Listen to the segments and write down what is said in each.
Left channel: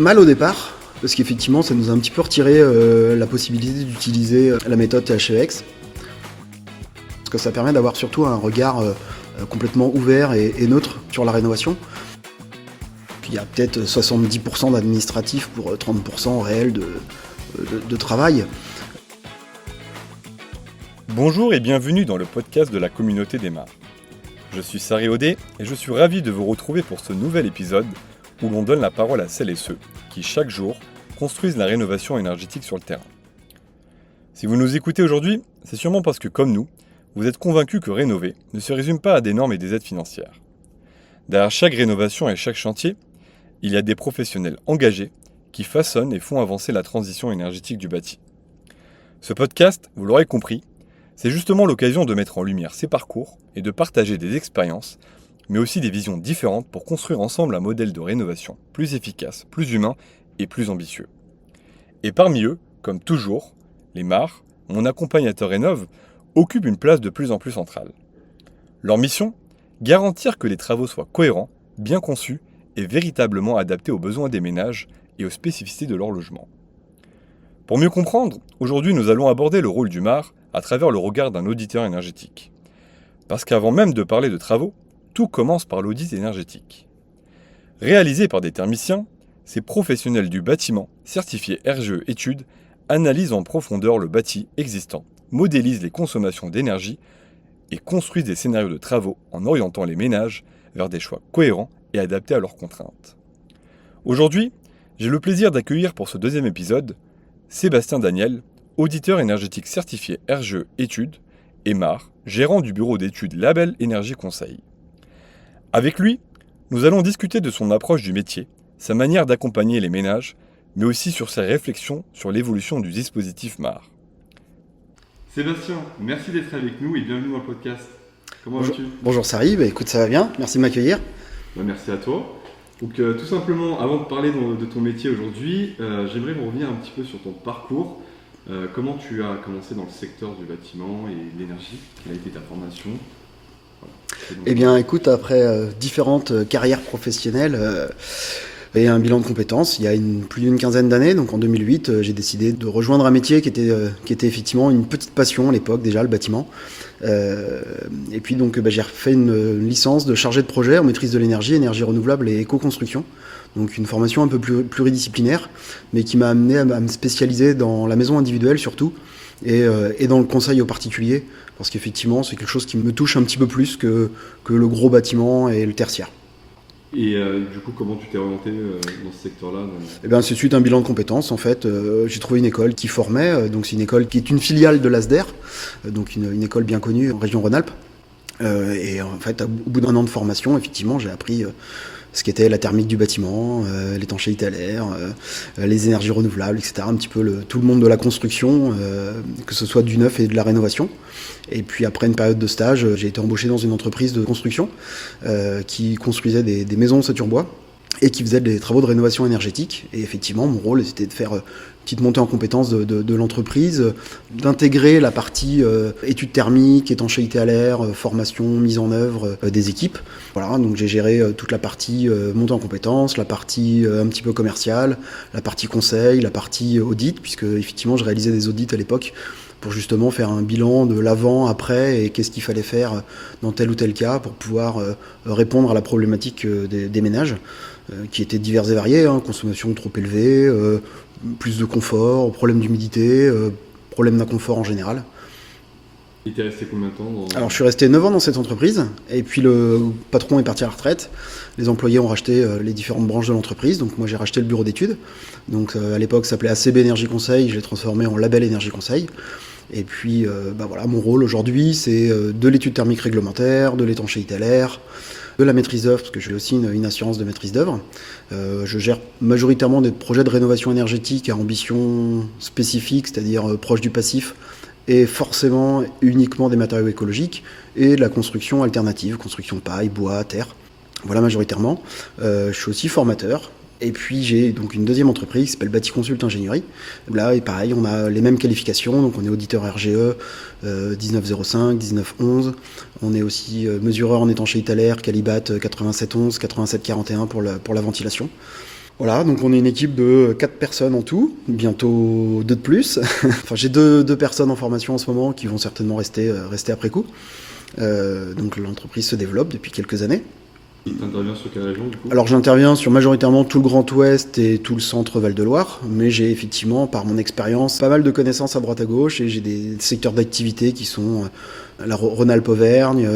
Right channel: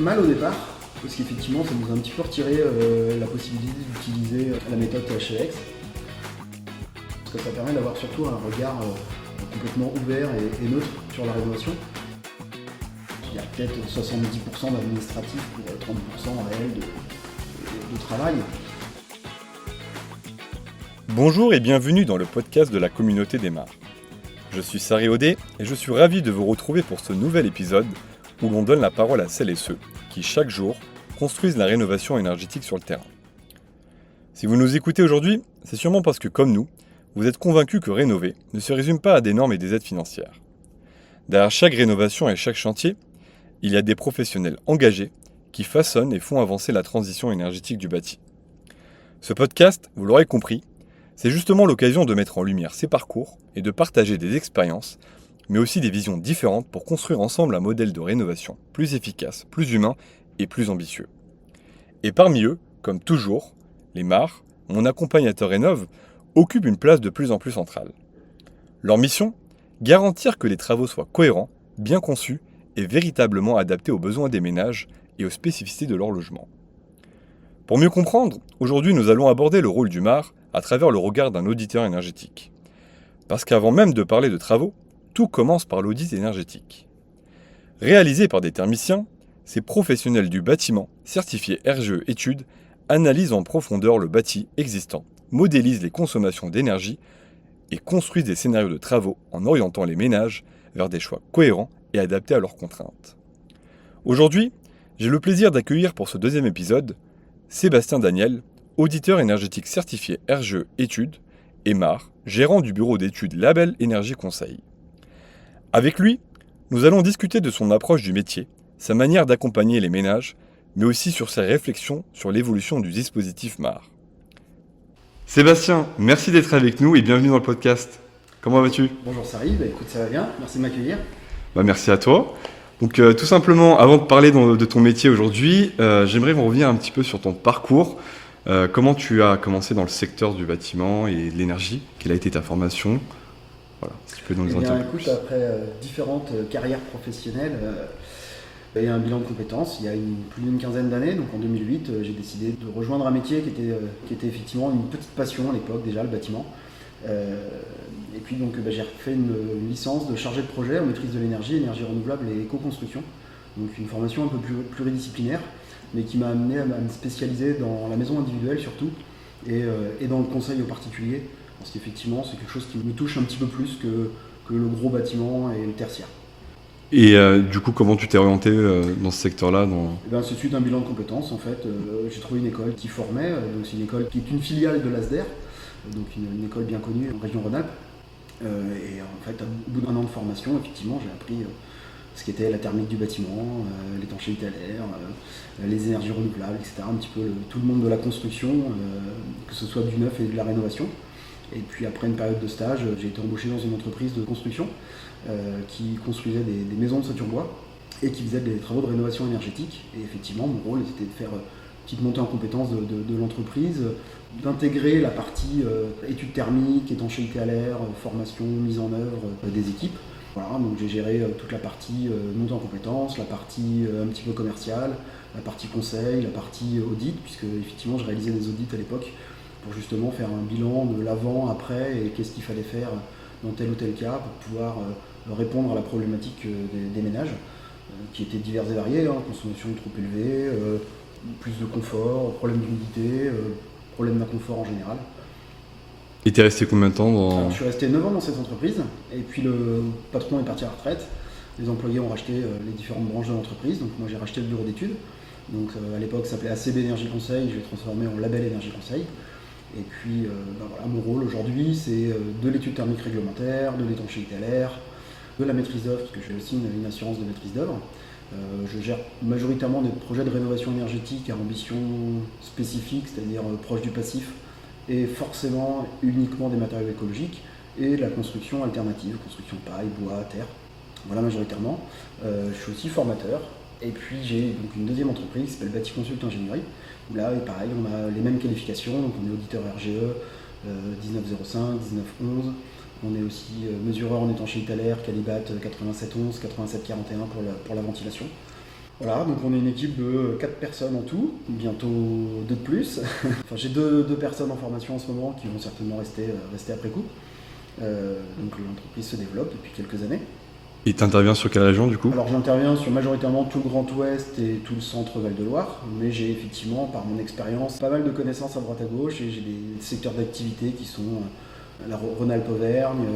mal au départ, parce qu'effectivement ça nous a un petit peu retiré la possibilité d'utiliser la méthode THEX. Parce que ça permet d'avoir surtout un regard complètement ouvert et neutre sur la rénovation. Puis il y a peut-être 70% d'administratif pour 30% réel de travail. Bonjour et bienvenue dans le podcast de la communauté des Mares. Je suis Sari Audet et je suis ravi de vous retrouver pour ce nouvel épisode où l'on donne la parole à celles et ceux qui, chaque jour, construisent la rénovation énergétique sur le terrain. Si vous nous écoutez aujourd'hui, c'est sûrement parce que, comme nous, vous êtes convaincus que rénover ne se résume pas à des normes et des aides financières. Derrière chaque rénovation et chaque chantier, il y a des professionnels engagés qui façonnent et font avancer la transition énergétique du bâti. Ce podcast, vous l'aurez compris, c'est justement l'occasion de mettre en lumière ces parcours et de partager des expériences, mais aussi des visions différentes pour construire ensemble un modèle de rénovation plus efficace, plus humain et plus ambitieux. Et parmi eux, comme toujours, les Mares, mon accompagnateur rénove, occupent une place de plus en plus centrale. Leur mission ? Garantir que les travaux soient cohérents, bien conçus et véritablement adaptés aux besoins des ménages et aux spécificités de leur logement. Pour mieux comprendre, aujourd'hui nous allons aborder le rôle du Mare à travers le regard d'un auditeur énergétique. Parce qu'avant même de parler de travaux, tout commence par l'audit énergétique. Réalisé par des thermiciens, ces professionnels du bâtiment, certifiés RGE Études, analysent en profondeur le bâti existant, modélisent les consommations d'énergie et construisent des scénarios de travaux en orientant les ménages vers des choix cohérents et adaptés à leurs contraintes. Aujourd'hui, j'ai le plaisir d'accueillir pour ce deuxième épisode Sébastien Daniel, auditeur énergétique certifié RGE Études, et Mare, gérant du bureau d'études Label Énergie Conseil. Avec lui, nous allons discuter de son approche du métier, sa manière d'accompagner les ménages, mais aussi sur ses réflexions sur l'évolution du dispositif Mare. Sébastien, merci d'être avec nous et bienvenue dans le podcast. Comment vas-tu ? Bonjour Sari, écoute ça va bien, merci de m'accueillir. Merci à toi. Donc tout simplement, avant de parler de ton métier aujourd'hui, j'aimerais revenir un petit peu sur ton parcours. Comment tu as commencé dans le secteur du bâtiment et de l'énergie ? Quelle a été ta formation ? Voilà. Eh bien écoute, après différentes carrières professionnelles, il y a un bilan de compétences. Il y a plus d'une quinzaine d'années, donc en 2008, j'ai décidé de rejoindre un métier qui était effectivement une petite passion à l'époque déjà, le bâtiment. Et puis donc j'ai refait une licence de chargé de projet en maîtrise de l'énergie, énergie renouvelable et éco-construction. Donc une formation un peu pluridisciplinaire, mais qui m'a amené à me spécialiser dans la maison individuelle surtout, et dans le conseil aux particuliers, parce qu'effectivement c'est quelque chose qui me touche un petit peu plus que le gros bâtiment et le tertiaire. Et du coup, comment tu t'es orienté dans ce secteur-là C'est suite à un bilan de compétences, en fait. J'ai trouvé une école qui formait, donc c'est une école qui est une filiale de l'ASDER, donc une école bien connue en région Rhône-Alpes. Et en fait, au bout d'un an de formation, effectivement, j'ai appris ce qu'était la thermique du bâtiment, l'étanchéité à l'air, les énergies renouvelables, etc. Un petit peu tout le monde de la construction, que ce soit du neuf et de la rénovation. Et puis après une période de stage, j'ai été embauché dans une entreprise de construction qui construisait des maisons ossature bois et qui faisait des travaux de rénovation énergétique. Et effectivement, mon rôle, c'était de faire une petite montée en compétences de l'entreprise, d'intégrer la partie études thermiques, étanchéité à l'air, formation, mise en œuvre des équipes. Voilà, donc j'ai géré toute la partie montée en compétences, la partie un petit peu commerciale, la partie conseil, la partie audit, puisque effectivement je réalisais des audits à l'époque pour justement faire un bilan de l'avant, après, et qu'est-ce qu'il fallait faire dans tel ou tel cas pour pouvoir répondre à la problématique des ménages, qui étaient diverses et variées, consommation trop élevée, plus de confort, problème d'humidité, problème d'inconfort en général. Et t'es resté combien de temps Alors je suis resté 9 ans dans cette entreprise, et puis le patron est parti à la retraite. Les employés ont racheté les différentes branches de l'entreprise, donc moi j'ai racheté le bureau d'études. Donc à l'époque ça s'appelait ACB Énergie Conseil, je l'ai transformé en Label Énergie Conseil. Et puis mon rôle aujourd'hui c'est de l'étude thermique réglementaire, de l'étanchéité à l'air, de la maîtrise d'œuvre, parce que j'ai aussi une assurance de maîtrise d'œuvre. Je gère majoritairement des projets de rénovation énergétique à ambition spécifique, c'est-à-dire proche du passif, et forcément uniquement des matériaux écologiques, et de la construction alternative, construction paille, bois, terre. Voilà majoritairement. Je suis aussi formateur. Et puis j'ai donc une deuxième entreprise qui s'appelle Bâti Consult Ingénierie. Là, et pareil, on a les mêmes qualifications. Donc on est auditeur RGE 1905, 1911. On est aussi mesureur en étanchéité à l'air, Calibat 8711, 8741 pour la ventilation. Voilà, donc on est une équipe de 4 personnes en tout, bientôt 2 de plus. Enfin, j'ai deux personnes en formation en ce moment qui vont certainement rester après coup. Donc l'entreprise se développe depuis quelques années. Et tu interviens sur quelle région du coup? Alors j'interviens sur majoritairement tout le Grand Ouest et tout le centre Val-de-Loire, mais j'ai effectivement, par mon expérience, pas mal de connaissances à droite à gauche, et j'ai des secteurs d'activité qui sont la Rhône-Alpes-Auvergne,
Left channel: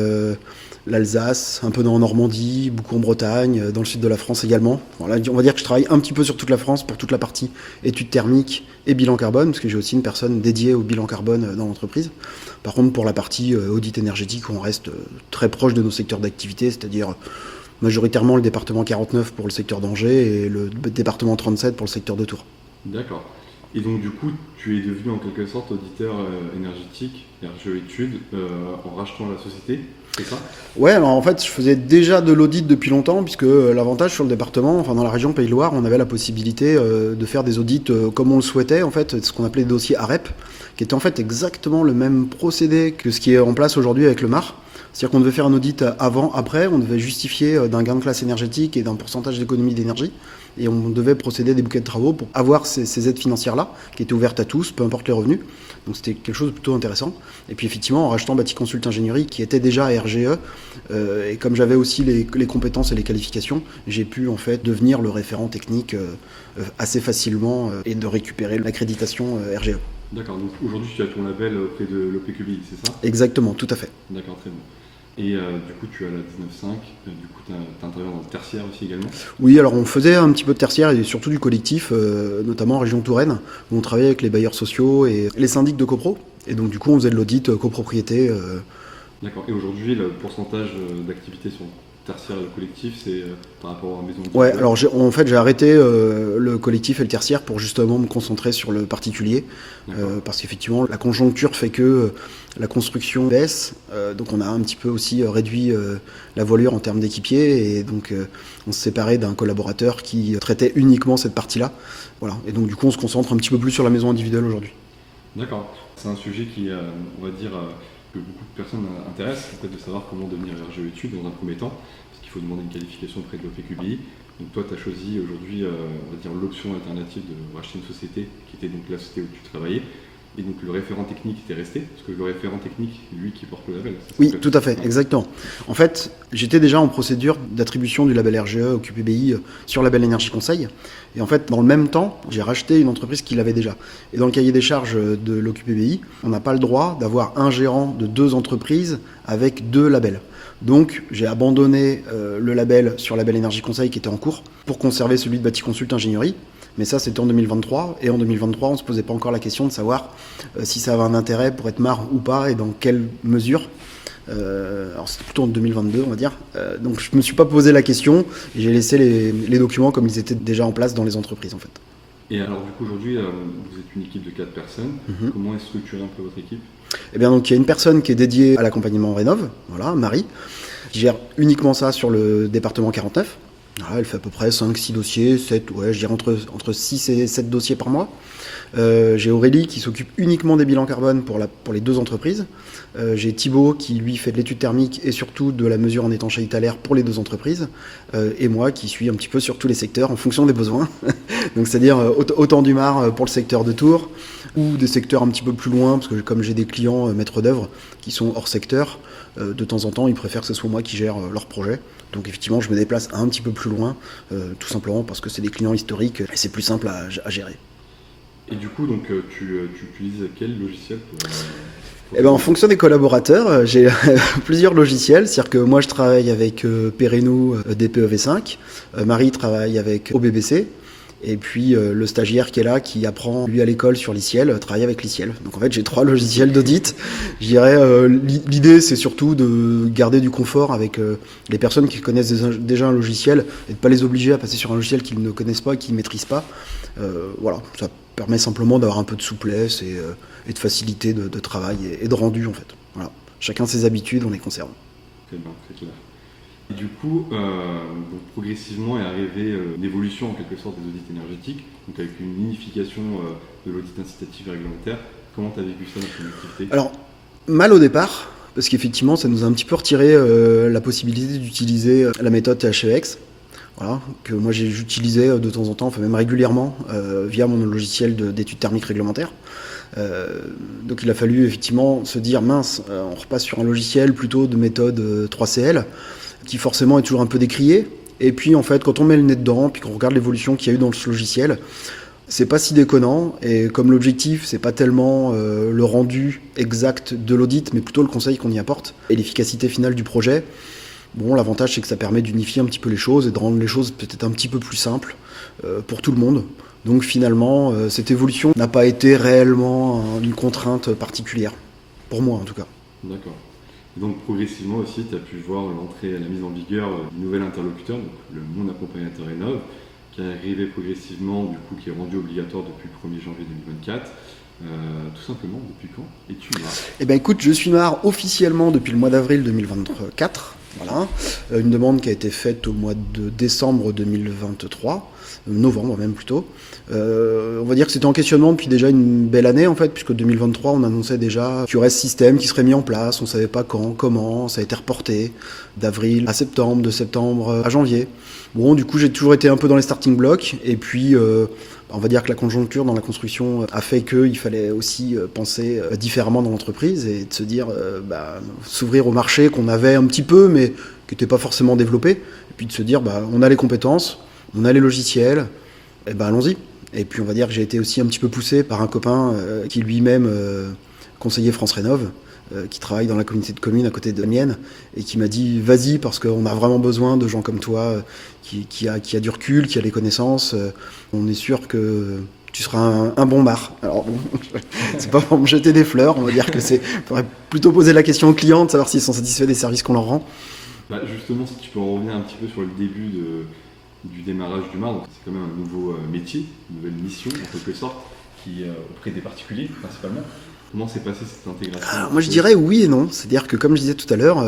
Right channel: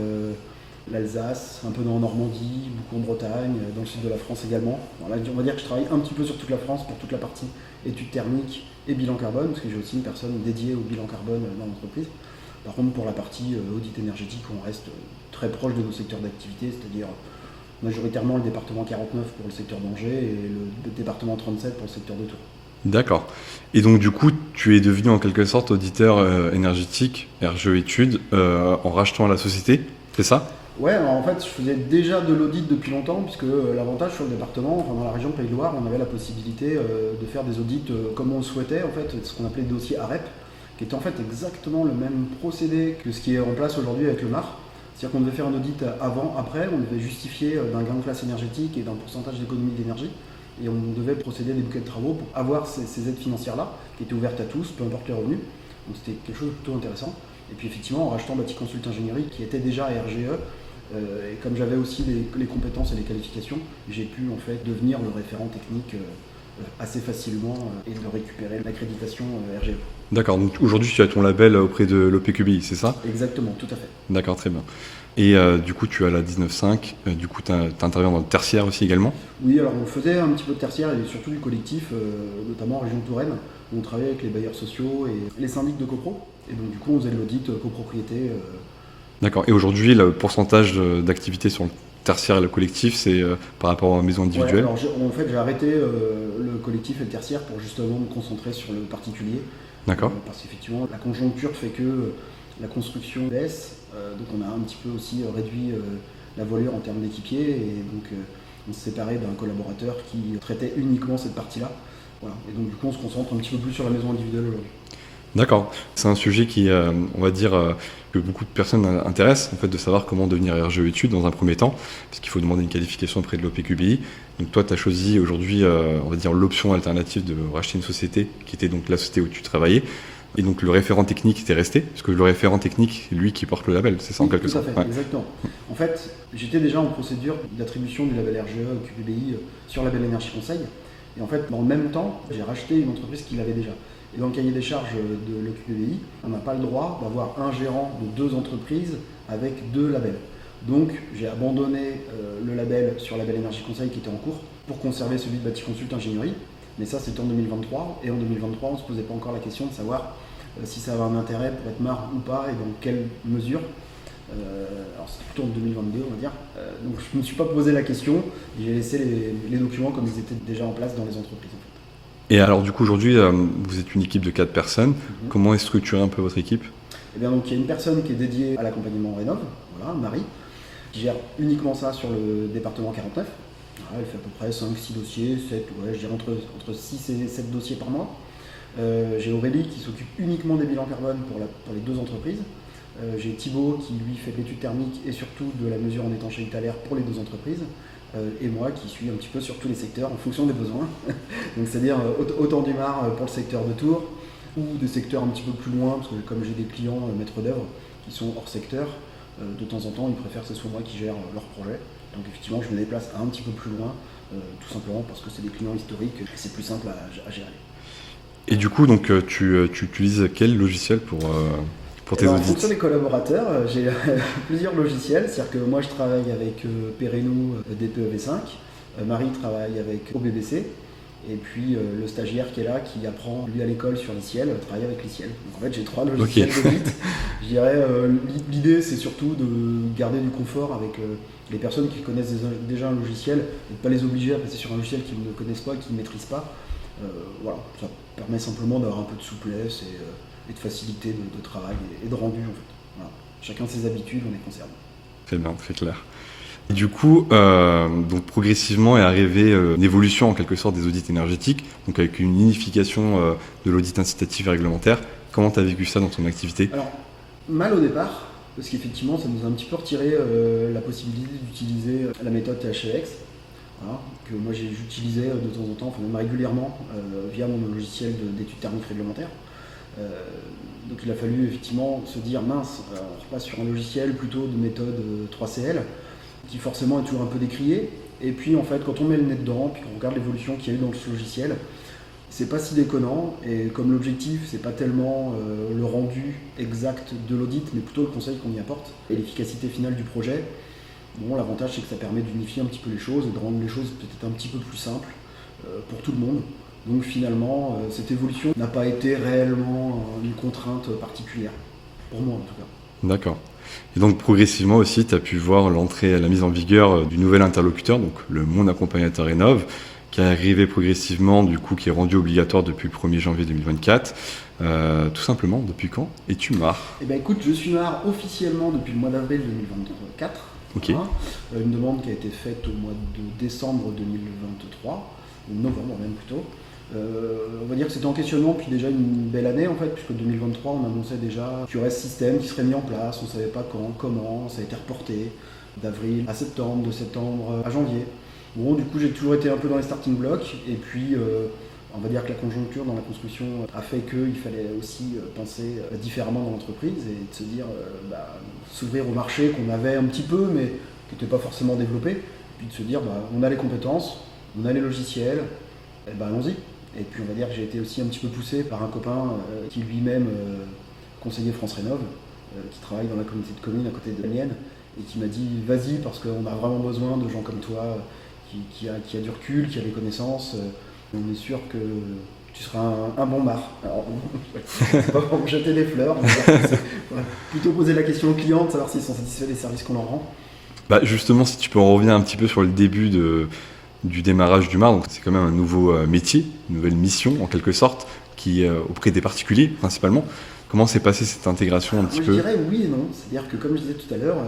l'Alsace, un peu en Normandie, beaucoup en Bretagne, dans le sud de la France également. Bon, là, on va dire que je travaille un petit peu sur toute la France pour toute la partie études thermiques et bilan carbone, parce que j'ai aussi une personne dédiée au bilan carbone dans l'entreprise. Par contre, pour la partie audit énergétique, on reste très proche de nos secteurs d'activité, c'est-à-dire majoritairement le département 49 pour le secteur d'Angers et le département 37 pour le secteur de Tours. D'accord. Et donc du coup, tu es devenu en quelque sorte auditeur énergétique, RGE Études, en rachetant la société, c'est ça? Ouais, alors en fait, je faisais déjà de l'audit depuis longtemps, puisque l'avantage sur le département, enfin dans la région Pays de Loire, on avait la possibilité de faire des audits comme on le souhaitait, en fait, ce qu'on appelait des dossiers AREP, qui était en fait exactement le même procédé que ce qui est en place aujourd'hui avec le MAR. C'est-à-dire qu'on devait faire un audit avant, après, on devait justifier d'un gain de classe énergétique et d'un pourcentage d'économie d'énergie, et on devait procéder à des bouquets de travaux pour avoir ces aides financières-là, qui étaient ouvertes à tous, peu importe les revenus. Donc c'était quelque chose de plutôt intéressant. Et puis effectivement, en rachetant Bâti Consult Ingénierie, qui était déjà à RGE, et comme j'avais aussi les compétences et les qualifications, j'ai pu en fait devenir le référent technique assez facilement et de récupérer l'accréditation RGE. D'accord, donc aujourd'hui tu as ton label auprès de l'OPQBI, c'est ça? Exactement, tout à fait. D'accord, très bien. Et du coup tu as la 19.5, du coup tu interviens dans le tertiaire aussi également? Oui, alors on faisait un petit peu de tertiaire et surtout du collectif, notamment en région Touraine, où on travaillait avec les bailleurs sociaux et les syndics de copro. Et donc du coup on faisait de l'audit copropriété. D'accord, et aujourd'hui le pourcentage d'activité sur le tertiaire et le collectif, c'est par rapport aux maisons individuelles? Ouais, alors en fait j'ai arrêté le collectif et le tertiaire pour justement me concentrer sur le particulier. D'accord. Parce qu'effectivement la conjoncture fait que la construction baisse, donc on a un petit peu aussi réduit la voilure en termes d'équipiers, et donc on se séparait d'un collaborateur qui traitait uniquement cette partie-là. Voilà. Et donc du coup on se concentre un petit peu plus sur la maison individuelle aujourd'hui. D'accord, c'est un sujet qui, on va dire, que beaucoup de personnes intéressent, en fait, de savoir comment devenir RGE Études dans un premier temps, parce qu'il faut demander une qualification auprès de l'OPQBI. Donc toi, tu as choisi aujourd'hui, on va dire, l'option alternative de racheter une société, qui était donc la société où tu travaillais. Et donc le référent technique était resté, parce que le référent technique, c'est lui qui porte le label, c'est ça? Oui, tout à fait, ouais. Exactement. En fait, j'étais déjà en procédure d'attribution du label RGE au QPBI sur label Énergie Conseil. Et en fait, dans le même temps, j'ai racheté une entreprise qui l'avait déjà. Et dans le cahier des charges de l'OQPBI, on n'a pas le droit d'avoir un gérant de 2 entreprises avec 2 labels. Donc, j'ai abandonné le label sur label Énergie Conseil qui était en cours pour conserver celui de Bâti Consult Ingénierie. Mais ça, c'était en 2023. Et en 2023, on ne se posait pas encore la question de savoir si ça avait un intérêt pour être MAR ou pas et dans quelle mesure. Alors c'était plutôt en 2022 on va dire, donc je me suis pas posé la question et j'ai laissé les documents comme ils étaient déjà en place dans les entreprises en fait. Et alors du coup aujourd'hui vous êtes une équipe de 4 personnes, Comment est structurée un peu votre équipe? Eh bien donc il y a une personne qui est dédiée à l'accompagnement Rénov', voilà, Marie, qui gère uniquement ça sur le département 49. Voilà, elle fait à peu près 5-6 dossiers, 7, ouais, je dirais entre 6 et 7 dossiers par mois. J'ai Aurélie qui s'occupe uniquement des bilans carbone pour les 2 entreprises. J'ai Thibaut qui lui fait de l'étude thermique et surtout de la mesure en étanchéité à l'air pour les 2 entreprises. Et moi qui suis un petit peu sur tous les secteurs en fonction des besoins. Donc c'est-à-dire autant du MAR pour le secteur de Tours ou des secteurs un petit peu plus loin, parce que comme j'ai des clients maîtres d'œuvre qui sont hors secteur, de temps en temps ils préfèrent que ce soit moi qui gère leur projet. Donc effectivement je me déplace un petit peu plus loin, tout simplement parce que c'est des clients historiques et c'est plus simple à gérer. Et du coup donc tu utilises quel logiciel pour en fonction des collaborateurs, j'ai plusieurs logiciels. C'est-à-dire que moi, je travaille avec Pereno DPEV5. Marie travaille avec OBBC. Et puis le stagiaire qui est là, qui apprend lui à l'école sur l'ICIEL, travaille avec l'ICIEL. Donc en fait, j'ai 3 logiciels d'audit. Je dirais, l'idée, c'est surtout de garder du confort avec les personnes qui connaissent déjà un logiciel et de ne pas les obliger à passer sur un logiciel qu'ils ne connaissent pas, qu'ils ne maîtrisent pas. Voilà, ça permet simplement d'avoir un peu de souplesse et de facilité de travail et de rendu en fait. Voilà. Chacun ses habitudes, on les conserve. Très bien, très clair. Et du coup, donc progressivement est arrivée une évolution en quelque sorte des audits énergétiques, donc avec une unification de l'audit incitatif et réglementaire. Comment tu as vécu ça dans ton activité? Alors, mal au départ, parce qu'effectivement, ça nous a un petit peu retiré la possibilité d'utiliser la méthode THEX. Voilà, que moi j'utilisais de temps en temps, enfin même régulièrement, via mon logiciel d'études thermiques réglementaires. Donc il a fallu effectivement se dire mince, on repasse sur un logiciel plutôt de méthode 3CL, qui forcément est toujours un peu décrié. Et puis en fait, quand on met le nez dedans, puis qu'on regarde l'évolution qu'il y a eu dans ce logiciel, c'est pas si déconnant. Et comme l'objectif, c'est pas tellement le rendu exact de l'audit, mais plutôt le conseil qu'on y apporte et l'efficacité finale du projet. Bon, l'avantage, c'est que ça permet d'unifier un petit peu les choses et de rendre les choses peut-être un petit peu plus simples pour tout le monde. Donc finalement, cette évolution n'a pas été réellement une contrainte particulière, pour moi en tout cas. D'accord. Et donc progressivement aussi, tu as pu voir l'entrée, la mise en vigueur du nouvel interlocuteur, donc le Mon Accompagnateur Rénov, qui est arrivé progressivement, du coup, qui est rendu obligatoire depuis le 1er janvier 2024. Tout simplement, depuis quand es-tu MAR ? Eh bien écoute, je suis MAR officiellement depuis le mois d'avril 2024. Okay. Voilà. Une demande qui a été faite au mois de décembre 2023, novembre même plutôt. On va dire que c'était en questionnement depuis déjà une belle année en fait, puisque 2023 on annonçait déjà qu'il y aurait ce système qui serait mis en place, on ne savait pas quand, comment, ça a été reporté d'avril à septembre, de septembre à janvier. Bon, du coup j'ai toujours été un peu dans les starting blocks, et puis on va dire que la conjoncture dans la construction a fait qu'il fallait aussi penser différemment dans l'entreprise et de se dire s'ouvrir au marché qu'on avait un petit peu mais qui n'était pas forcément développé, et puis de se dire on a les compétences, on a les logiciels, et allons-y. Et puis on va dire que j'ai été aussi un petit peu poussé par un copain qui lui-même conseillait France Rénov, qui travaille dans la communauté de communes à côté de la mienne, et qui m'a dit vas-y parce qu'on a vraiment besoin de gens comme toi qui a du recul, qui a les connaissances. On est sûr que tu seras un bon MAR. Alors bon, c'est pas pour me jeter des fleurs, on va dire que faudrait plutôt poser la question aux clients de savoir s'ils sont satisfaits des services qu'on leur rend. Justement, si tu peux en revenir un petit peu sur le début du démarrage du MAR, donc c'est quand même un nouveau métier, une nouvelle mission en quelque sorte, qui est auprès des particuliers principalement. Comment s'est passée cette intégration Moi je dirais oui et non, c'est-à-dire que comme je disais tout à l'heure,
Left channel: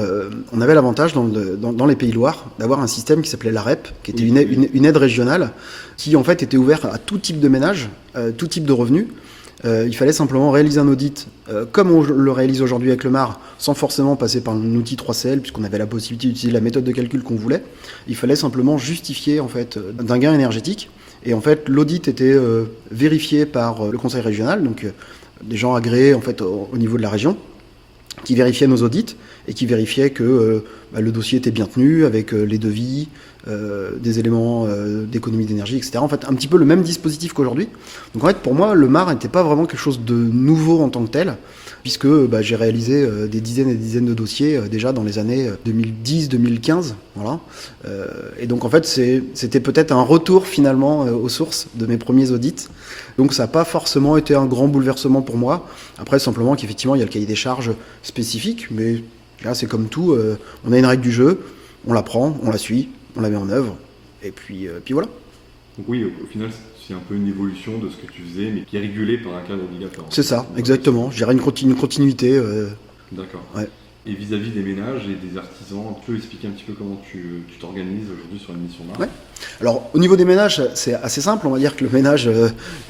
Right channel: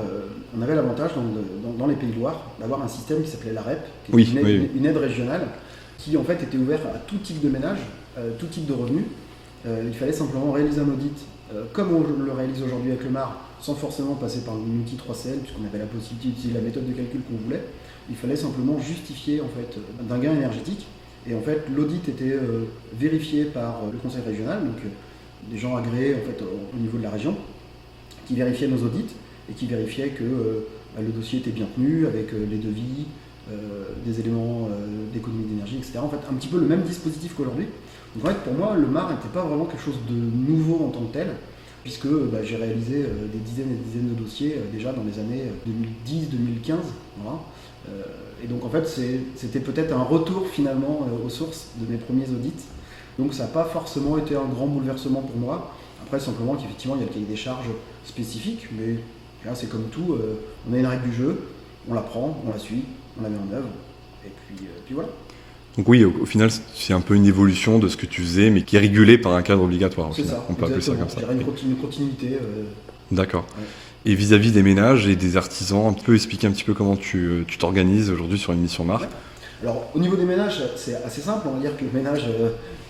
on avait l'avantage dans les Pays Loire d'avoir un système qui s'appelait l'AREP, qui était une aide régionale, qui en fait était ouverte à tout type de ménage, tout type de revenus. Il fallait simplement réaliser un audit comme on le réalise aujourd'hui avec le MAR, sans forcément passer par un outil 3CL, puisqu'on avait la possibilité d'utiliser la méthode de calcul qu'on voulait. Il fallait simplement justifier en fait, d'un gain énergétique. Et en fait, l'audit était vérifié par le conseil régional, donc des gens agréés en fait, au niveau de la région, qui vérifiaient nos audits et qui vérifiaient que le dossier était bien tenu avec les devis, des éléments d'économie d'énergie, etc. En fait, un petit peu le même dispositif qu'aujourd'hui. Donc en fait, pour moi, le MAR n'était pas vraiment quelque chose de nouveau en tant que tel, puisque j'ai réalisé des dizaines et des dizaines de dossiers déjà dans les années 2010-2015. Voilà. Et donc en fait, c'était peut-être un retour finalement aux sources de mes premiers audits. Donc ça n'a pas forcément été un grand bouleversement pour moi. Après, simplement qu'effectivement, il y a le cahier des charges spécifique, mais là, c'est comme tout. On a une règle du jeu, on la prend, on la suit, on la met en œuvre, et puis voilà. Donc oui, au final, c'est un peu une évolution de ce que tu faisais, mais qui est régulé par un cadre obligatoire. C'est ça, exactement. Je dirais une continuité. D'accord. Ouais. Et vis-à-vis des ménages et des artisans, tu peux expliquer un petit peu comment tu t'organises aujourd'hui sur une mission MAR ? Ouais. Alors, au niveau des ménages, c'est assez simple. On va dire que le ménage,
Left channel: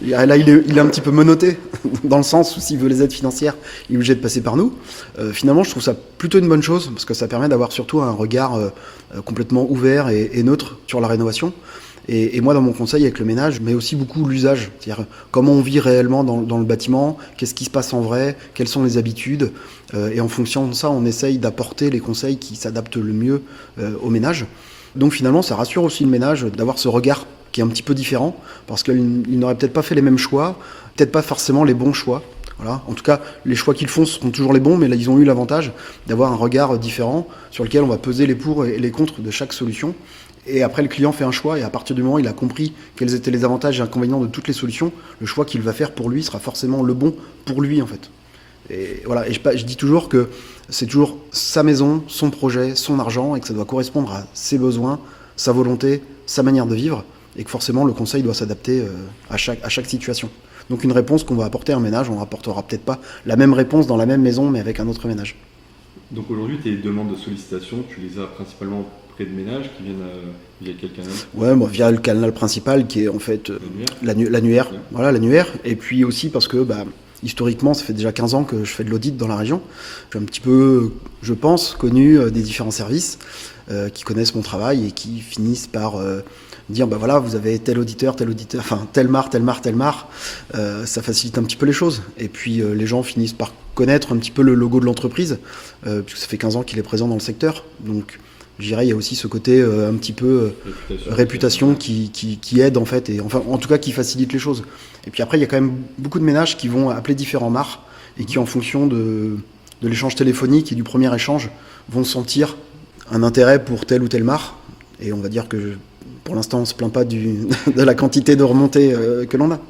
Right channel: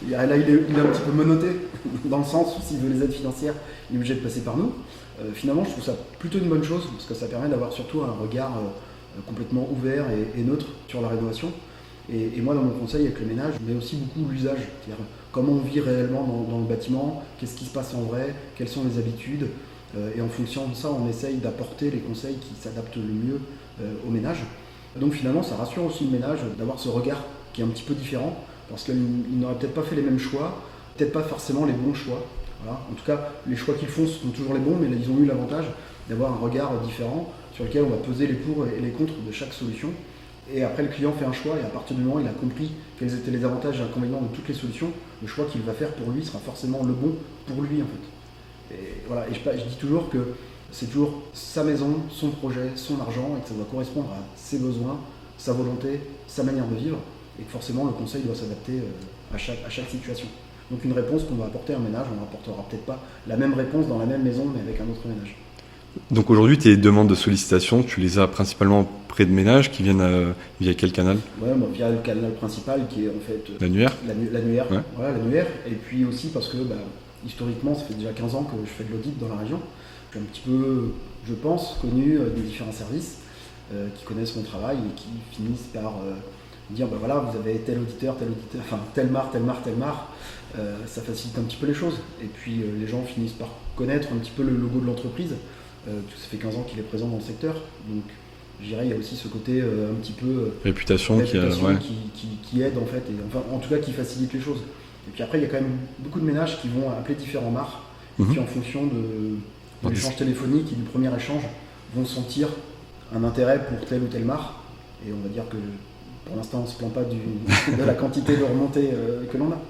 là, il est un petit peu menotté, dans le sens où s'il veut les aides financières, il est obligé de passer par nous. Finalement, je trouve ça plutôt une bonne chose, parce que ça permet d'avoir surtout un regard complètement ouvert et neutre sur la rénovation. Et moi, dans mon conseil avec le ménage, mais aussi beaucoup l'usage, c'est-à-dire comment on vit réellement dans le bâtiment, qu'est-ce qui se passe en vrai, quelles sont les habitudes, et en fonction de ça, on essaye d'apporter les conseils qui s'adaptent le mieux au ménage. Donc finalement, ça rassure aussi le ménage d'avoir ce regard qui est un petit peu différent, parce qu'il n'aurait peut-être pas fait les mêmes choix, peut-être pas forcément les bons choix. Voilà. En tout cas, les choix qu'ils font seront toujours les bons, mais là, ils ont eu l'avantage d'avoir un regard différent sur lequel on va peser les pour et les contre de chaque solution. Et après, le client fait un choix, et à partir du moment où il a compris quels étaient les avantages et inconvénients de toutes les solutions, le choix qu'il va faire pour lui sera forcément le bon pour lui, en fait. Et voilà. Et je dis toujours que c'est toujours sa maison, son projet, son argent, et que ça doit correspondre à ses besoins, sa volonté, sa manière de vivre, et que forcément, le conseil doit s'adapter à chaque situation. Donc une réponse qu'on va apporter à un ménage, on rapportera peut-être pas la même réponse dans la même maison, mais avec un autre ménage. Donc aujourd'hui, tes demandes de sollicitation, tu les as principalement auprès de ménages qui viennent via quel canal ? Ouais, via le canal principal qui est en fait l'annuaire. Ouais. Voilà, l'annuaire. Et puis aussi parce que historiquement, ça fait déjà 15 ans que je fais de l'audit dans la région. Je suis un petit peu, je pense, connu des différents services. qui connaissent mon travail et qui finissent par dire bah voilà, vous avez tel auditeur, enfin tel mar, ça facilite un petit peu les choses. Et puis les gens finissent par connaître un petit peu le logo de l'entreprise, puisque ça fait 15 ans qu'il est présent dans le secteur. Donc je dirais il y a aussi ce côté un petit peu réputation qui aide en fait, et enfin en tout cas qui facilite les choses. Et puis après il y a quand même beaucoup de ménages qui vont appeler différents mars et qui en fonction de l'échange téléphonique et du premier échange vont sentir un intérêt pour tel ou tel mar. Et on va dire que pour l'instant, on ne se plaint pas de la quantité de remontées que l'on a.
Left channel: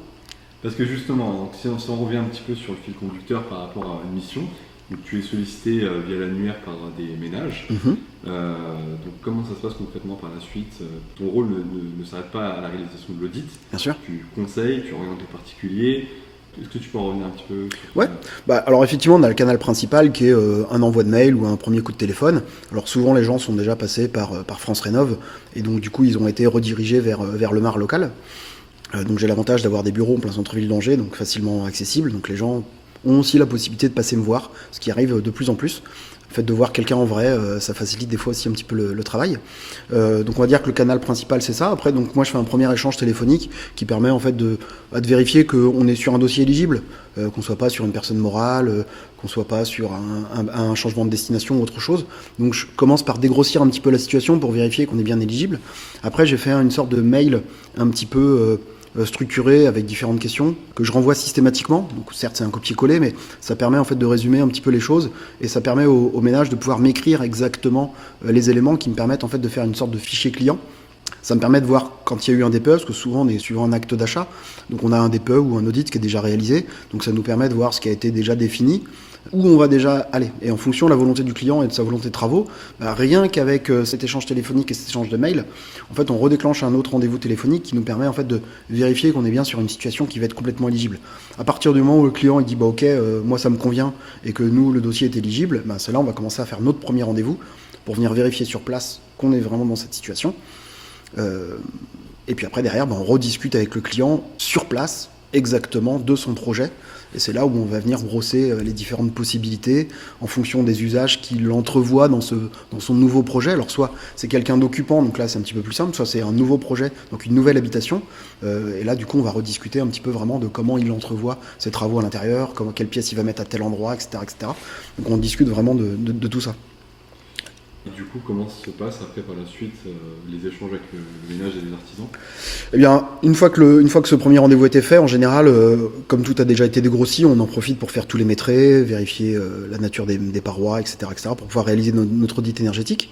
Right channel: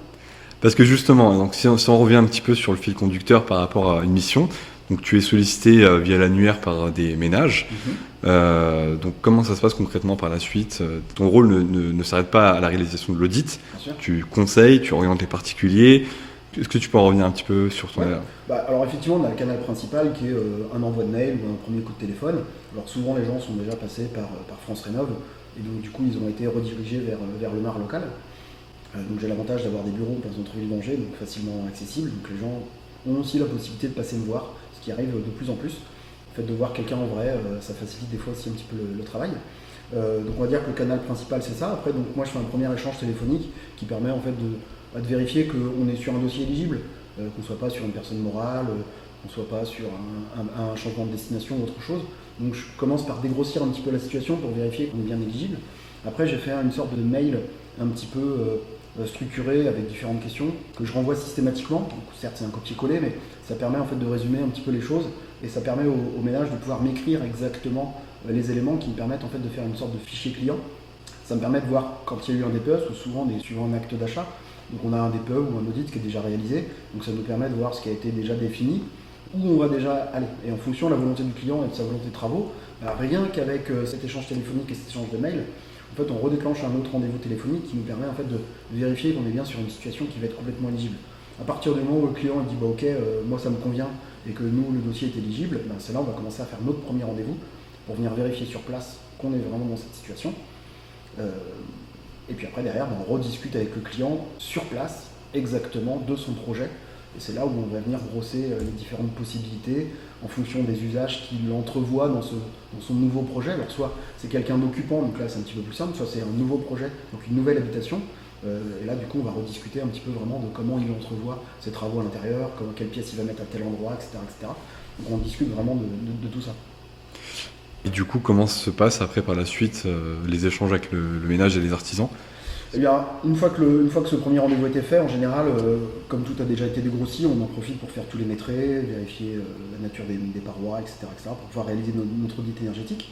Parce que justement, donc si on revient un petit peu sur le fil conducteur par rapport à une mission, donc tu es sollicité via l'annuaire par des ménages. Donc comment ça se passe concrètement par la suite? Ton rôle ne s'arrête pas à la réalisation de l'audit. Bien sûr. Tu conseilles, tu orientes les particuliers. Est-ce que tu peux en revenir un petit peu sur toi? Alors effectivement, on a le canal principal qui est un envoi de mail ou un premier coup de téléphone. Alors souvent, les gens sont déjà passés par France Rénov' et donc du coup, ils ont été redirigés vers le MAR local. Donc j'ai l'avantage d'avoir des bureaux en plein centre-ville d'Angers, donc facilement accessibles. Donc les gens ont aussi la possibilité de passer me voir, ce qui arrive de plus en plus. Le fait de voir quelqu'un en vrai, ça facilite des fois aussi un petit peu le travail. Donc on va dire que le canal principal c'est ça. Après donc moi je fais un premier échange téléphonique qui permet en fait de vérifier qu'on est sur un dossier éligible, qu'on soit pas sur une personne morale, qu'on soit pas sur un changement de destination ou autre chose. Donc je commence par dégrossir un petit peu la situation pour vérifier qu'on est bien éligible. Après j'ai fait une sorte de mail un petit peu structuré avec différentes questions que je renvoie systématiquement. Donc, certes, c'est un copier-coller, mais ça permet en fait de résumer un petit peu les choses et ça permet au ménage de pouvoir m'écrire exactement les éléments qui me permettent en fait de faire une sorte de fichier client. Ça me permet de voir quand il y a eu un DPE, parce que souvent on est suivant un acte d'achat, donc on a un DPE ou un audit qui est déjà réalisé, donc ça nous permet de voir ce qui a été déjà défini, où on va déjà aller. Et en fonction de la volonté du client et de sa volonté de travaux, rien qu'avec cet échange téléphonique et cet échange de mail, en fait, on redéclenche un autre rendez-vous téléphonique qui nous permet en fait de vérifier qu'on est bien sur une situation qui va être complètement éligible. À partir du moment où le client il dit ok, moi ça me convient et que nous le dossier est éligible, c'est là on va commencer à faire notre premier rendez-vous pour venir vérifier sur place qu'on est vraiment dans cette situation. Et puis après derrière, on rediscute avec le client sur place exactement de son projet. Et c'est là où on va venir brosser les différentes possibilités en fonction des usages qu'il entrevoit dans son nouveau projet. Alors soit c'est quelqu'un d'occupant, donc là c'est un petit peu plus simple, soit c'est un nouveau projet, donc une nouvelle habitation. Et là du coup on va rediscuter un petit peu vraiment de comment il entrevoit ses travaux à l'intérieur, quelle pièce il va mettre à tel endroit, etc. etc. Donc on discute vraiment de tout ça. Et du coup, comment se passe après par la suite les échanges avec le ménage et les artisans? Eh bien, une fois que ce premier rendez-vous était fait, en général, comme tout a déjà été dégrossi, on en profite pour faire tous les métrés, vérifier la nature des parois, etc., pour pouvoir réaliser notre audit énergétique.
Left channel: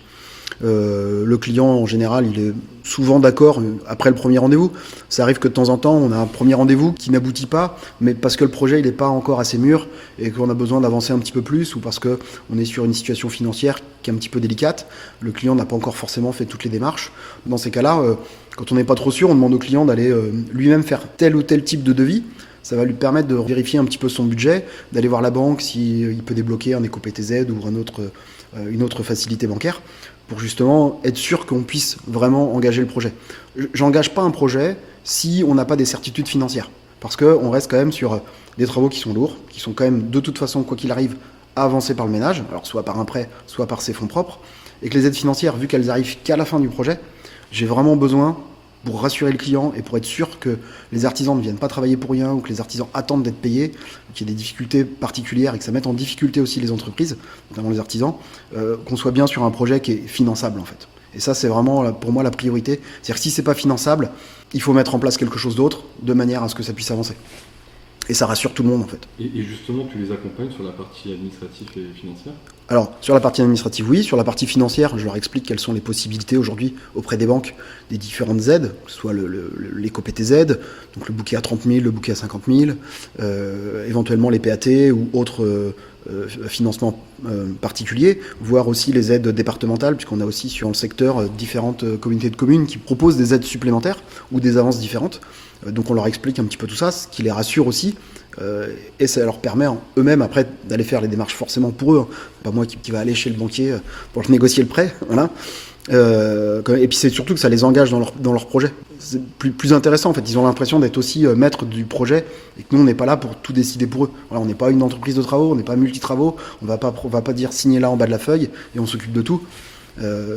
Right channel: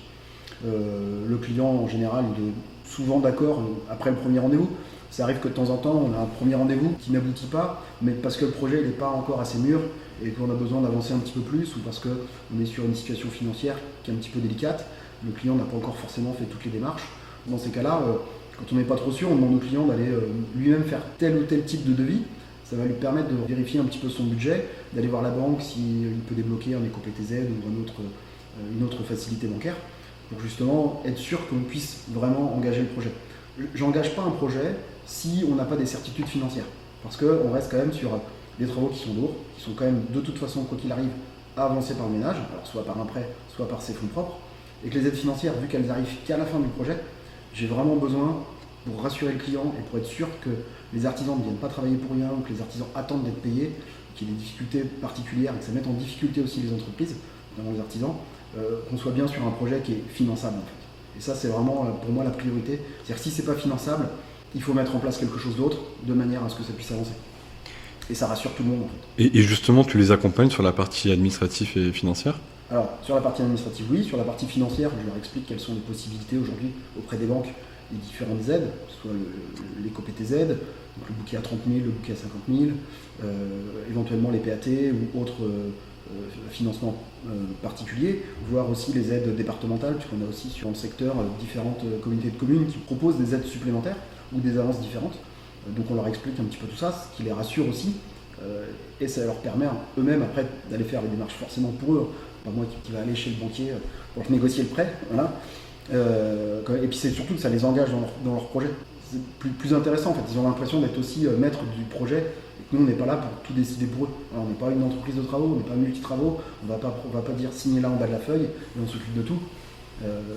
Le client, en général, il est souvent d'accord après le premier rendez-vous. Ça arrive que de temps en temps, on a un premier rendez-vous qui n'aboutit pas, mais parce que le projet n'est pas encore assez mûr et qu'on a besoin d'avancer un petit peu plus, ou parce qu'on est sur une situation financière qui est un petit peu délicate, le client n'a pas encore forcément fait toutes les démarches. Dans ces cas-là, quand on n'est pas trop sûr, on demande au client d'aller lui-même faire tel ou tel type de devis. Ça va lui permettre de vérifier un petit peu son budget, d'aller voir la banque s'il peut débloquer un éco-PTZ ou une autre facilité bancaire, pour justement être sûr qu'on puisse vraiment engager le projet. J'engage pas un projet si on n'a pas des certitudes financières, parce qu'on reste quand même sur des travaux qui sont lourds, qui sont quand même de toute façon, quoi qu'il arrive, avancés par le ménage, alors soit par un prêt, soit par ses fonds propres, et que les aides financières, vu qu'elles arrivent qu'à la fin du projet, j'ai vraiment besoin, pour rassurer le client et pour être sûr que les artisans ne viennent pas travailler pour rien ou que les artisans attendent d'être payés, qu'il y ait des difficultés particulières et que ça mette en difficulté aussi les entreprises, notamment les artisans, qu'on soit bien sur un projet qui est finançable en fait. Et ça c'est vraiment pour moi la priorité. C'est-à-dire que si c'est pas finançable, il faut mettre en place quelque chose d'autre de manière à ce que ça puisse avancer. Et ça rassure tout le monde en fait. Et justement, tu les accompagnes sur la partie administrative et financière ? Alors, sur la partie administrative, oui. Sur la partie financière, je leur explique quelles sont les possibilités aujourd'hui auprès des banques des différentes aides, que ce soit l'éco-PTZ, donc le bouquet à 30 000, le bouquet à 50 000, éventuellement les PAT ou autres financements particuliers, voire aussi les aides départementales, puisqu'on a aussi sur le secteur différentes communautés de communes qui proposent des aides supplémentaires ou des avances différentes. Donc on leur explique un petit peu tout ça, ce qui les rassure aussi. Et ça leur permet eux-mêmes après d'aller faire les démarches forcément pour eux, pas moi qui va aller chez le banquier pour négocier le prêt, voilà. Et puis c'est surtout que ça les engage dans leur projet. C'est plus intéressant en fait, ils ont l'impression d'être aussi maîtres du projet et que nous on n'est pas là pour tout décider pour eux. Voilà, on n'est pas une entreprise de travaux, on n'est pas multi-travaux, on va pas dire signer là en bas de la feuille et on s'occupe de tout.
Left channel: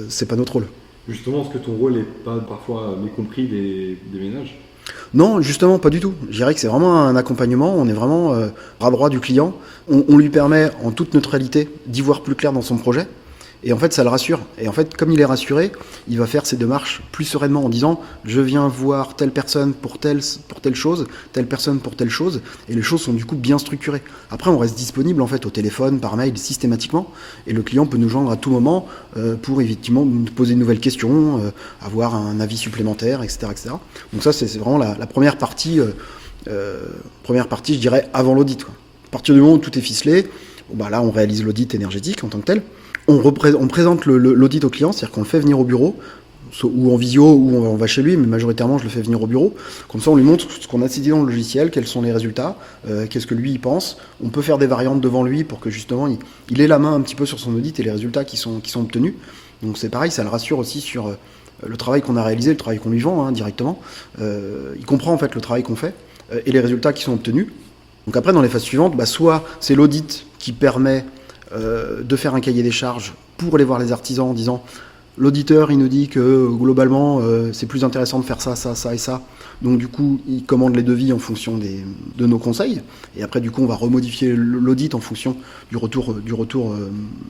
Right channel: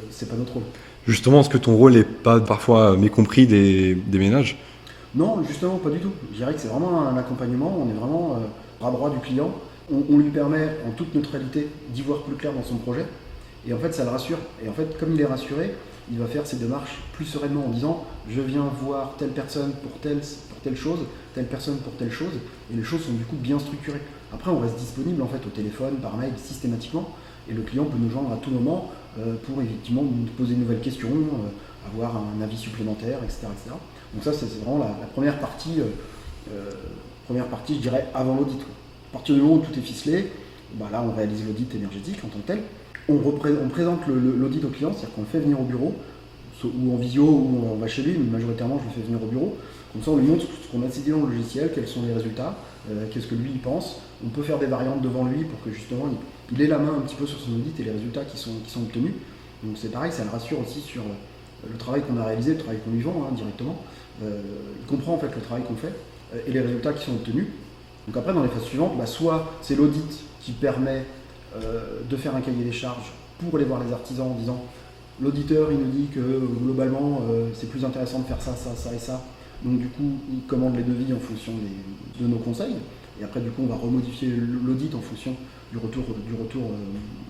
c'est pas notre rôle. Justement, est-ce que ton rôle n'est pas parfois mécompris des ménages ? Non, justement, pas du tout. Je dirais que c'est vraiment un accompagnement, on est vraiment bras droit du client. On lui permet en toute neutralité d'y voir plus clair dans son projet. Et en fait, ça le rassure. Et en fait, comme il est rassuré, il va faire ses démarches plus sereinement en disant « je viens voir telle personne pour telle chose, telle personne pour telle chose ». Et les choses sont du coup bien structurées. Après, on reste disponible en fait au téléphone, par mail, systématiquement. Et le client peut nous joindre à tout moment pour effectivement nous poser de nouvelles questions, avoir un avis supplémentaire, etc. etc. Donc ça, c'est vraiment la première partie, je dirais, avant l'audit, quoi. À partir du moment où tout est ficelé, là, on réalise l'audit énergétique en tant que tel. On présente l'audit au client, c'est-à-dire qu'on le fait venir au bureau, ou en visio, ou on va chez lui, mais majoritairement je le fais venir au bureau. Comme ça, on lui montre ce qu'on a décidé dans le logiciel, quels sont les résultats, qu'est-ce que lui il pense. On peut faire des variantes devant lui pour que justement il ait la main un petit peu sur son audit et les résultats qui sont obtenus. Donc c'est pareil, ça le rassure aussi sur le travail qu'on a réalisé, le travail qu'on lui vend directement. Il comprend en fait le travail qu'on fait et les résultats qui sont obtenus. Donc après, dans les phases suivantes, soit c'est l'audit qui permet de faire un cahier des charges pour aller voir les artisans en disant l'auditeur il nous dit que globalement c'est plus intéressant de faire ça, ça, ça et ça, donc du coup il commande les devis en fonction de nos conseils, et après du coup on va remodifier l'audit en fonction du retour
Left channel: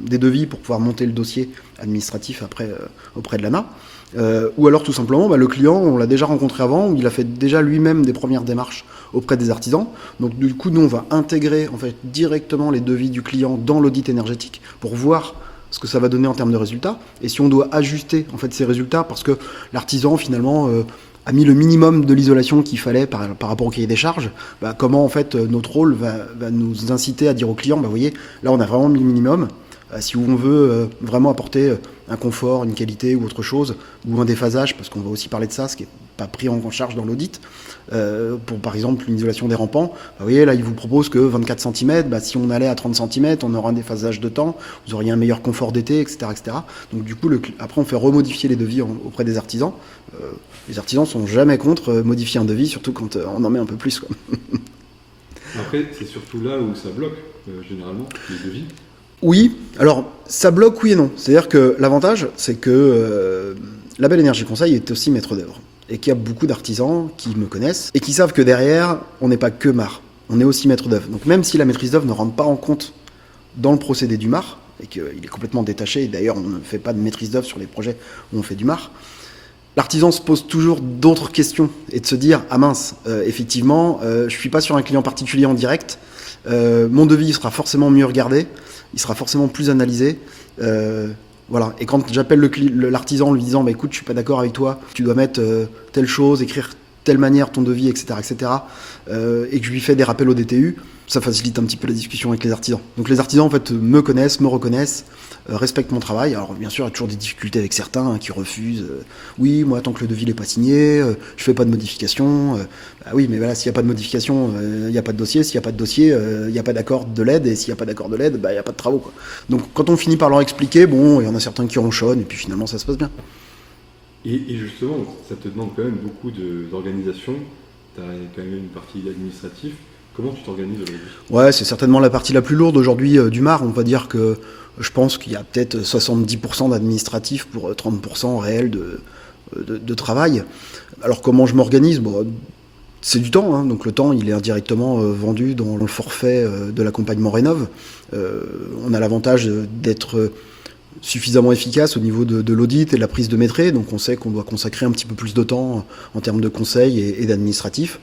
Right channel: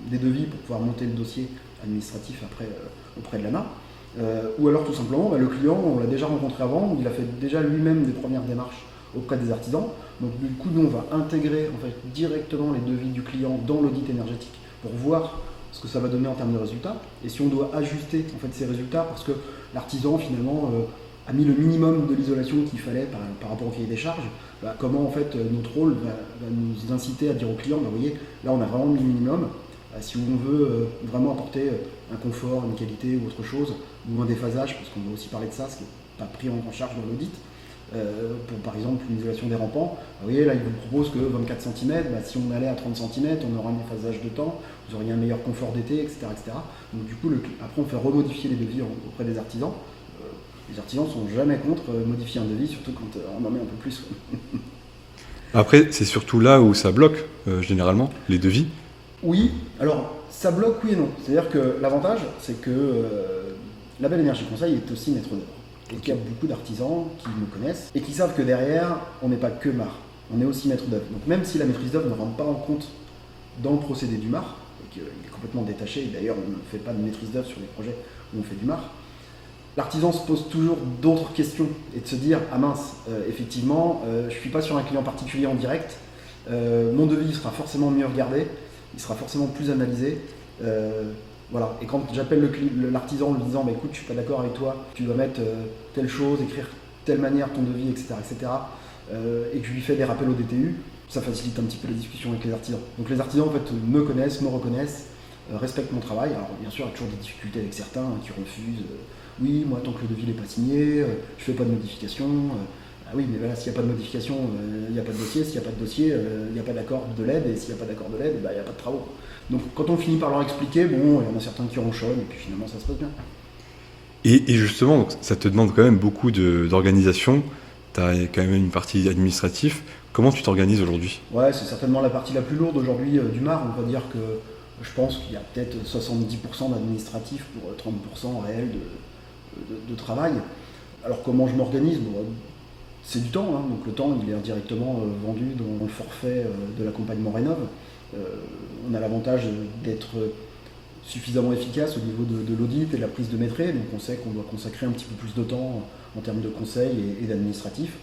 des devis pour pouvoir monter le dossier administratif après auprès de l'ANA. Ou alors tout simplement le client on l'a déjà rencontré avant, il a fait déjà lui-même des premières démarches auprès des artisans, donc du coup nous on va intégrer en fait directement les devis du client dans l'audit énergétique pour voir ce que ça va donner en termes de résultats, et si on doit ajuster en fait ces résultats parce que l'artisan finalement a mis le minimum de l'isolation qu'il fallait par rapport au cahier des charges, comment en fait notre rôle va nous inciter à dire au client, vous voyez, là on a vraiment mis le minimum. Si on veut vraiment apporter un confort, une qualité ou autre chose, ou un déphasage, parce qu'on va aussi parler de ça, ce qui n'est pas pris en charge dans l'audit, pour par exemple une isolation des rampants, vous voyez là il vous propose que 24 cm, si on allait à 30 cm, on aura un déphasage de temps, vous auriez un meilleur confort d'été, etc. etc. Donc du coup, après on fait remodifier les devis auprès des artisans. Les artisans sont jamais contre modifier un devis, surtout quand on en met un peu plus, quoi. Après, c'est surtout là où ça bloque, généralement, les devis. Oui, alors ça bloque oui et non. C'est-à-dire que l'avantage, c'est que Label Énergie Conseil est aussi maître d'œuvre. Et qu'il y a beaucoup d'artisans qui me connaissent et qui savent que derrière, on n'est pas que MAR, on est aussi maître d'œuvre. Donc même si la maîtrise d'œuvre ne rentre pas en compte dans le procédé du MAR, et qu'il est complètement détaché, et d'ailleurs on ne fait pas de maîtrise d'œuvre sur les projets où on fait du MAR, l'artisan se pose toujours d'autres questions et de se dire « Ah mince, effectivement, je ne suis pas sur un client particulier en direct, mon devis sera forcément mieux regardé, il sera forcément plus analysé. » Voilà. Et quand j'appelle l'artisan en lui disant écoute, je suis pas d'accord avec toi, tu dois mettre telle chose, écrire telle manière ton devis, etc., et que je lui fais des rappels au DTU, ça facilite un petit peu la discussion avec les artisans. Donc les artisans en fait me connaissent, me reconnaissent, respectent mon travail. Alors bien sûr, il y a toujours des difficultés avec certains qui refusent. Oui, moi tant que le devis n'est pas signé, je fais pas de modification. Oui, mais voilà, s'il n'y a pas de modification, il n'y a pas de dossier. S'il n'y a pas de dossier, il n'y a pas d'accord de l'aide. Et s'il n'y a pas d'accord de l'aide, il n'y a pas de travaux, quoi. Donc quand on finit par leur expliquer, il y en a certains qui ronchonnent, et puis finalement ça se passe bien. Et justement, ça te demande quand même beaucoup d'organisation. Tu as quand même une partie administrative. Comment tu t'organises aujourd'hui ? Ouais, c'est certainement la partie la plus lourde aujourd'hui du MAR. On va dire que je pense qu'il y a peut-être 70% d'administratif pour 30% réel de travail. Alors comment je m'organise ? C'est du temps, donc le temps il est indirectement vendu dans le forfait de l'accompagnement Rénov'. On a l'avantage d'être suffisamment efficace au niveau de l'audit et de la prise de maîtrise, donc on sait qu'on doit consacrer un petit peu plus de temps en termes de conseils et d'administratif.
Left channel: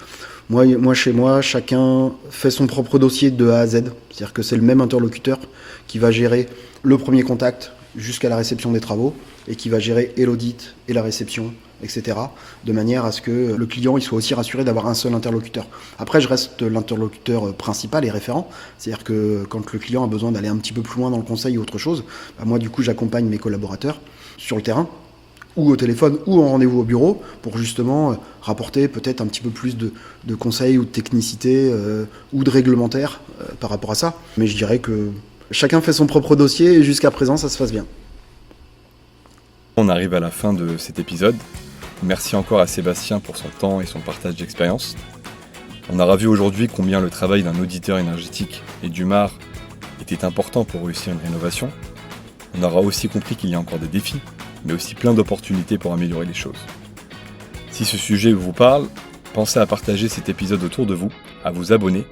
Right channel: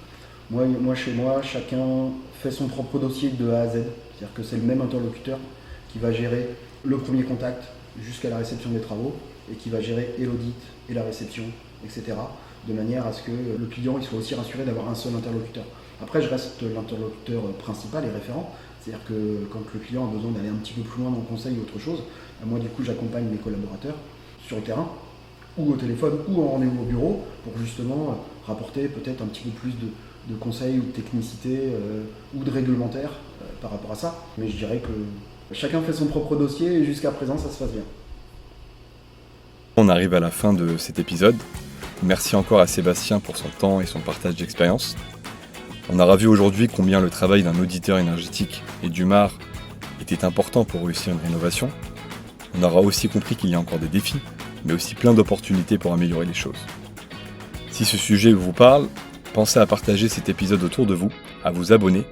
Moi, chez moi, chacun fait son propre dossier de A à Z, c'est-à-dire que c'est le même interlocuteur qui va gérer le premier contact jusqu'à la réception des travaux et qui va gérer et l'audit et la réception, etc., de manière à ce que le client il soit aussi rassuré d'avoir un seul interlocuteur. Après, je reste l'interlocuteur principal et référent, c'est-à-dire que quand le client a besoin d'aller un petit peu plus loin dans le conseil ou autre chose, moi du coup j'accompagne mes collaborateurs sur le terrain, ou au téléphone, ou en rendez-vous au bureau, pour justement rapporter peut-être un petit peu plus de conseils ou de technicité ou de réglementaire par rapport à ça. Mais je dirais que chacun fait son propre dossier et jusqu'à présent ça se passe bien. On arrive à la fin de cet épisode. Merci encore à Sébastien pour son temps et son partage d'expérience. On aura vu aujourd'hui combien le travail d'un auditeur énergétique et du MAR était important pour réussir une rénovation. On aura aussi compris qu'il y a encore des défis, mais aussi plein d'opportunités pour améliorer les choses. Si ce sujet vous parle, pensez à partager cet épisode autour de vous, à vous abonner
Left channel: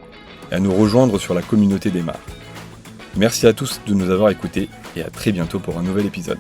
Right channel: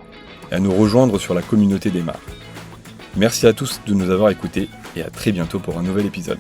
et à nous rejoindre sur la communauté des mares. Merci à tous de nous avoir écoutés et à très bientôt pour un nouvel épisode.